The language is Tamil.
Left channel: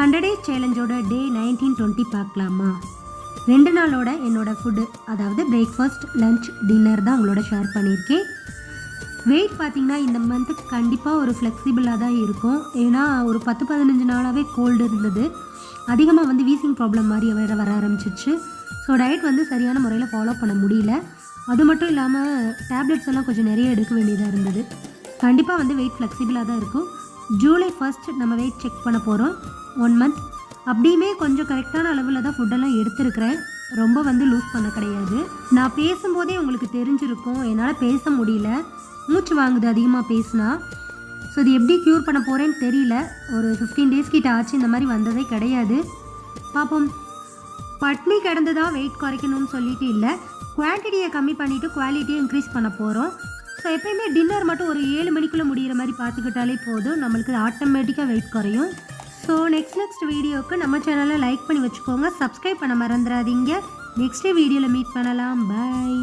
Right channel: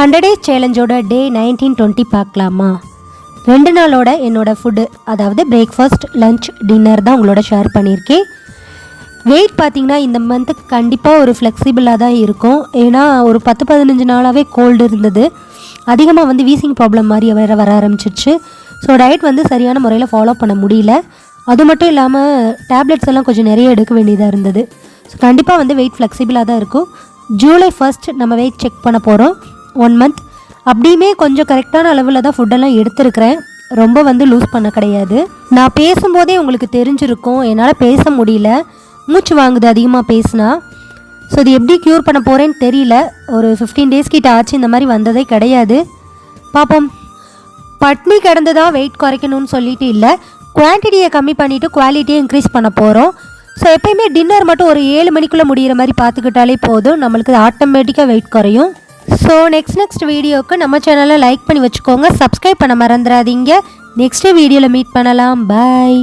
100 டேஸ் சேலஞ்சோட டே 19-20 பார்க்கலாமா? 2 நாளோட என்னோடய ஃபுட்டு, அதாவது பிரேக்ஃபாஸ்ட், லஞ்ச், டின்னர் தான் உங்களோட ஷேர் பண்ணியிருக்கேன். வெயிட் பார்த்திங்கன்னா இந்த மந்த்து கண்டிப்பாக ஒரு ஃப்ளெக்சிபிளாக தான் இருக்கும். ஏன்னா ஒரு 10-15 நாளாகவே கோல்டு இருந்தது. அதிகமாக வீசிங் ப்ராப்ளம் மாதிரி வர ஆரம்பிச்சிருச்சு. ஸோ டயட் சரியான முறையில் ஃபாலோ பண்ண முடியல. அது மட்டும் இல்லாமல் டேப்லெட்ஸ் எல்லாம் கொஞ்சம் நிறைய எடுக்க வேண்டியதாக இருந்தது. ஸோ கண்டிப்பாக வெயிட் ஃப்ளெக்சிபிளாக தான் இருக்கும். ஜூலை 1 நம்ம வெயிட் செக் பண்ண போகிறோம். 1 மந்த் அப்படியுமே கொஞ்சம் கரெக்டான அளவில் தான் ஃபுட்டெல்லாம் எடுத்துருக்கிறேன். ரொம்ப லூஸ் பண்ண கிடையாது. நான் பேசும்போதே உங்களுக்கு தெரிஞ்சிருக்கும், என்னால் பேச முடியல, மூச்சு வாங்குது அதிகமாக பேசினா. ஸோ இது எப்படி க்யூர் பண்ண போகிறேன்னு தெரியல. ஒரு 15 டேஸ் கிட்ட ஆச்சு, இந்த மாதிரி வந்ததே கிடையாது. பார்ப்போம். பட்னி கிடந்ததாக வெயிட் குறைக்கணும்னு சொல்லிட்டு இல்லை, குவான்டிட்டியை கம்மி பண்ணிவிட்டு குவாலிட்டியை இன்க்ரீஸ் பண்ண போகிறோம். ஸோ எப்போயுமே டின்னர் மட்டும் ஒரு 7 மணிக்குள்ளே முடிகிற மாதிரி பார்த்துக்கிட்டாலே போதும், நம்மளுக்கு ஆட்டோமேட்டிக்காக வெயிட் குறையும். ஸோ நெக்ஸ்ட் வீடியோவுக்கு நம்ம சேனலை லைக் பண்ணி வச்சுக்கோங்க, சப்ஸ்கிரைப் பண்ண மறந்துடாதீங்க. நெக்ஸ்ட் வீடியோவில் மீட் பண்ணலாம். பாய்.